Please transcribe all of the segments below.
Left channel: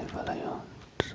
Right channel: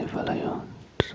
你发了呀，是。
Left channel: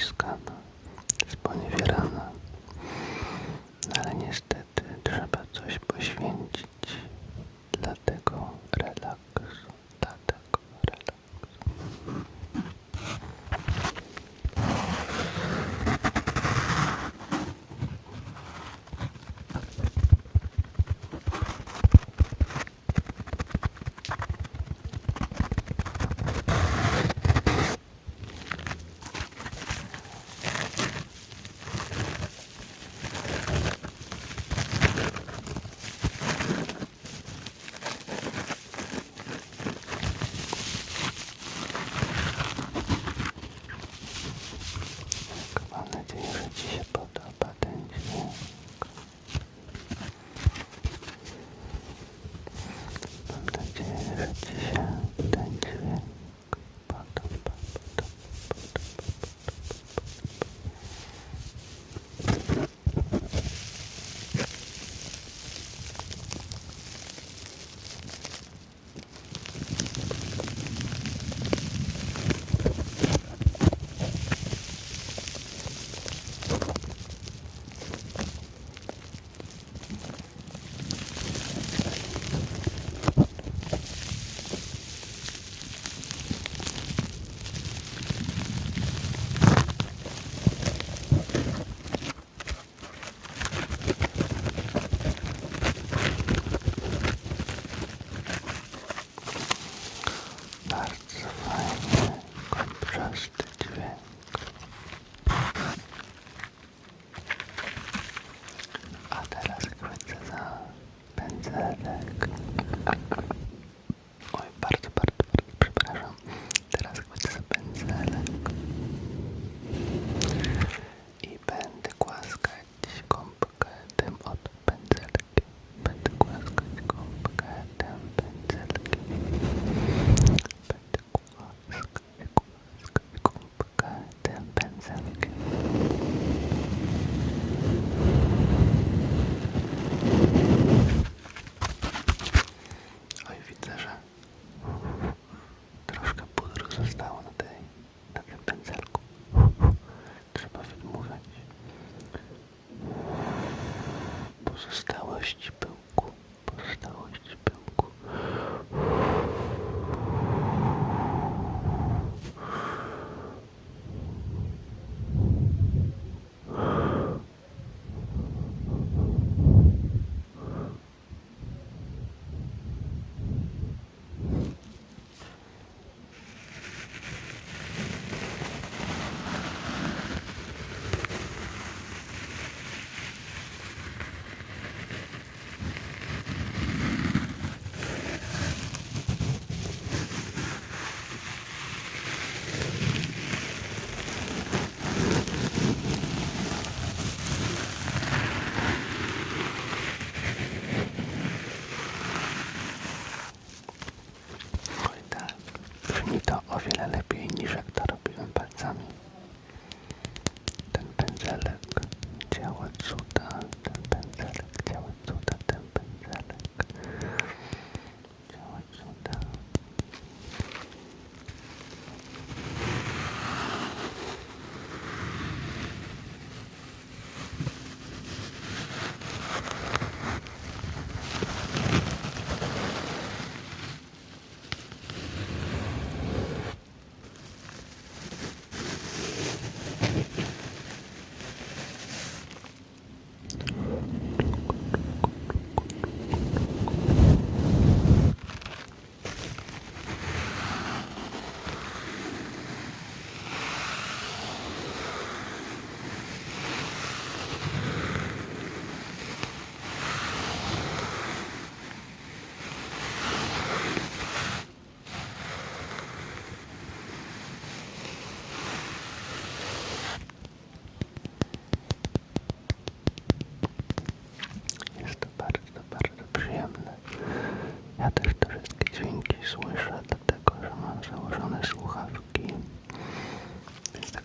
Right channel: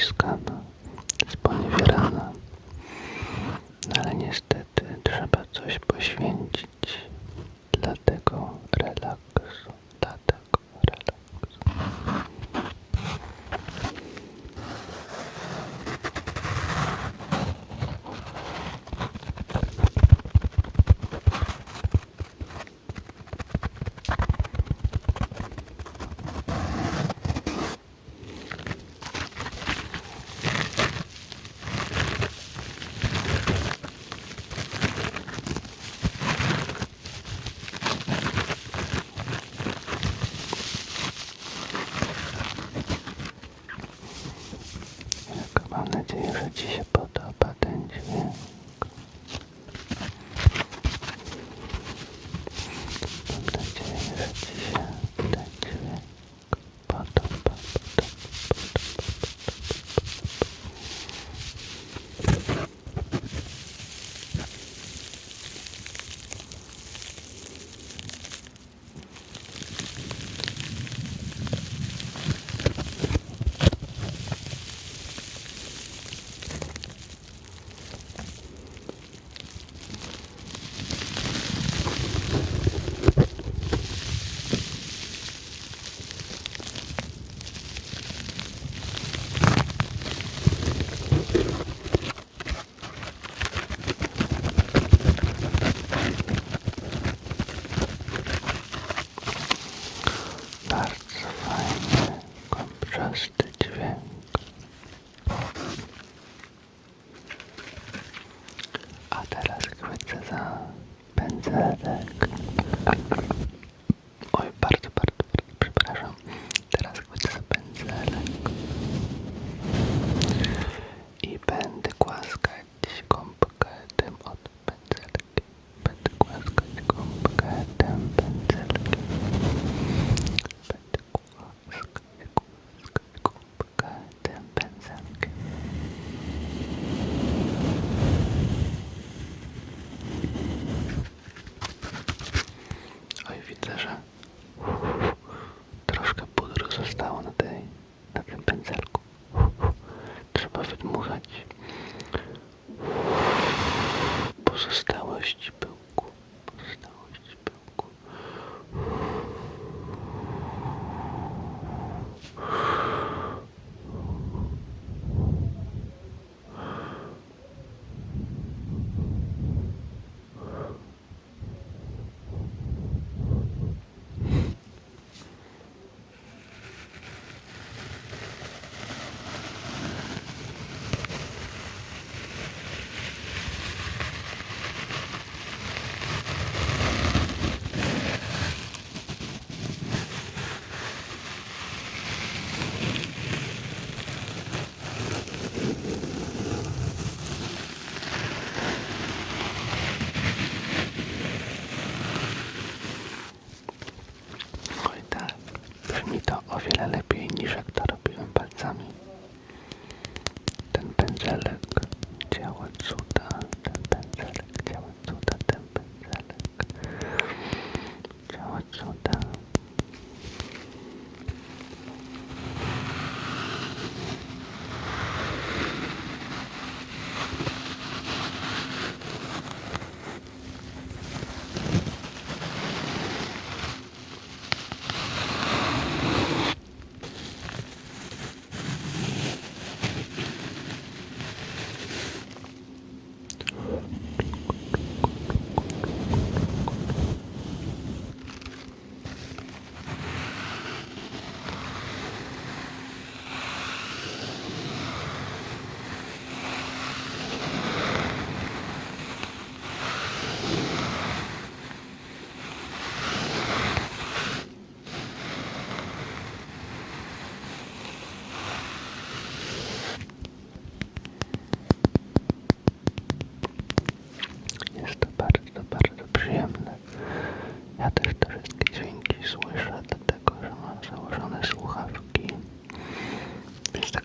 uciskana, no, sponiewierana. No, ale niestety trzeba coś poświęcić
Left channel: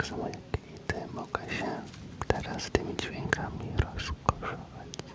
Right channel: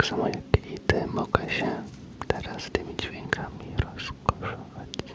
Także moje kwity mogę się teraz tymi dźwiękami rozkoszować.